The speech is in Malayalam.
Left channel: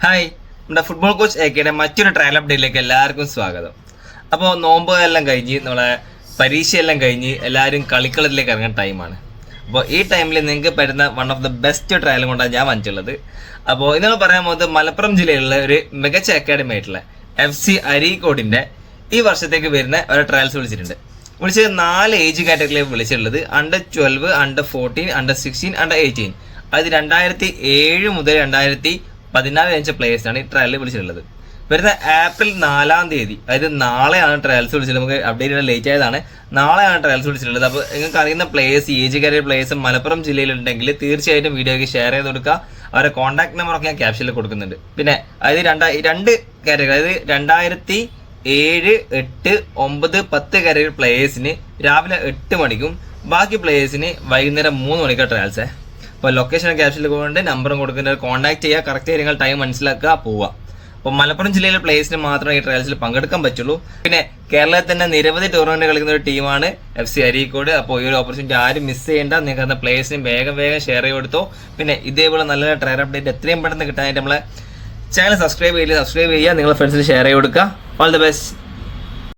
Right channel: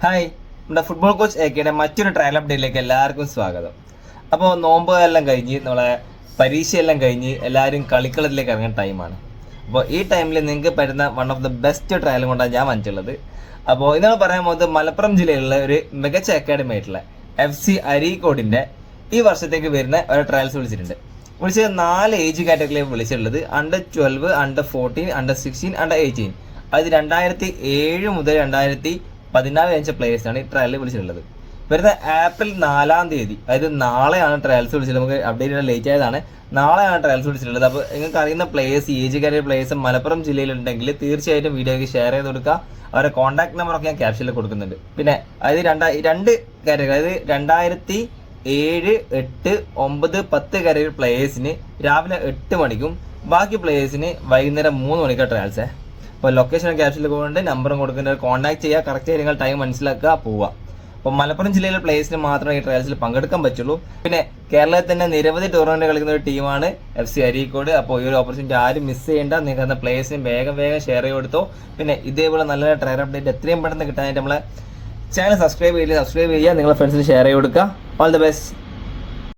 ഹായ് നമ്മുടെ ഫുട്ബോൾ കോച്ച് എ കെയുടെ മറ്റൊരു ട്രയൽ അപ്ഡേറ്റിലേക്ക് എല്ലാവർക്കും സ്വാഗതം. അപ്പോൾ നോമ്പ് എല്ലാം കഴിഞ്ഞ് നമ്മളെ പരീക്ഷയെല്ലാം കഴിഞ്ഞ് എല്ലാവരും കളിക്കളത്തിലേക്ക് ഇറങ്ങുന്ന ടൈമാണ് അപ്പോൾ ഈ ടൈമിൽ നിങ്ങൾക്ക് പറ്റുന്ന വൺ ഓഫ് ദ ബെസ്റ്റ് ട്രയലും കൊണ്ടാണ് ഞാൻ വന്നിട്ടുള്ളത്. അപ്പോൾ ഇന്നലെ പറയാൻ പോകുന്നത് മലപ്പുറം ജില്ലയിലുള്ള ഒരു മികച്ച അക്കാഡമി ആയിട്ടുള്ള എഫ് സി അരീക്കോടിന്റെ ഈ വർഷത്തേക്ക് വരുന്ന ഒരു ട്രയൽസ് വിളിച്ചിട്ടുണ്ട്. വിളിച്ചത് നാല് ഏജ് കാറ്റഗറിയിലേക്ക് വിളിച്ചിട്ടുള്ളത്. Under twelve under fourteen under sixteen under eighteen അത് രണ്ടായിരത്തി ഏഴ് മുതൽ രണ്ടായിരത്തി പതിനാല് ജനിച്ച പ്ലേയേഴ്സാണ് ഈ ട്രയലിൽ വിളിച്ചിട്ടുള്ളത്. വരുന്ന ഏപ്രിൽ നാലാം തീയതി അതായത് നാളെയാണ് ട്രയൽസ് വിളിച്ചത് നമുക്ക് അപ്ഡേറ്റ് ചെയ്യാൻ ലേറ്റ് ആയതാണ്. നാളെയാണ് ട്രയൽസ് വിളിച്ചിട്ടുള്ളത്. അപ്പോൾ നിങ്ങൾക്ക് അറിയുന്ന place age career players Malappuram ജില്ലയിലുണ്ടെങ്കിൽ തീർച്ചയായിട്ടും വീഡിയോയ്ക്ക് ഷെയർ ചെയ്ത് കൊടുക്കുക. അവരുടെ കോൺടാക്ട് നമ്പറൊക്കെ ഞാൻ ക്യാപ്ഷനിൽ കൊടുക്കുന്നുണ്ട്. പിന്നെ അതായത് രണ്ടാ രണ്ട് കാറ്റഗറി അതായത് രണ്ടായിരത്തി ഏഴ് എട്ട് ഒമ്പത് പത്ത് കാറ്റഗറി പ്ലേയേഴ്സിന് രാവിലെ എട്ട് മണിക്കും ബാക്കി പ്ലേയേഴ്സിന് വൈകുന്നേരം മൂന്ന് മണിക്കാണ് ട്രയൽസേ അപ്പോൾ ലൊക്കേഷൻ ക്യാപ്ഷനിൽ കൊണ്ട് നമ്പറും കൊടുക്കുന്നത് കോൺടാക്ട് ചെയ്യുക കറക്റ്റ് കാര്യങ്ങൾ ടൈം മനസ്സിലാക്കുക പോവുക. അപ്പോൾ മലപ്പുറം ജില്ലയിലെ പ്ലേയേഴ്സിന് മാത്രമേ ഈ ട്രയൽസിൽ പങ്കെടുക്കാൻ പറ്റുള്ളൂ. പിന്നെ കേരളത്തിൽ തന്നെ നിരവധി ടൂർണമെന്റ് കളിക്കുന്ന ഒരു ടീമാണ് എഫ് സി അരീക്കോട്. അപ്പോൾ ഈ ഒരു ഓപ്പർച്യൂണിറ്റി ആരും മിസ് ചെയ്യേണ്ട. നിങ്ങൾക്ക് പ്ലേയേഴ്സിന് വേഗം വേഗം ഷെയർ ചെയ്ത് കൊടുത്തോ. പിന്നെ ഇതേപോലെ നല്ല ട്രയൽ അപ്ഡേറ്റ് എത്രയും പെട്ടെന്ന് കിട്ടാനായിട്ട് നമ്മളെ ചാനൽ സബ്സ്ക്രൈബ് ചെയ്യുക സബ്സ്ക്രൈബ് ചെയ്യുക. നിങ്ങളുടെ ഫ്രണ്ട്സിന് ഷെയർ ചെയ്ത് കൊടുക്കുക. All the best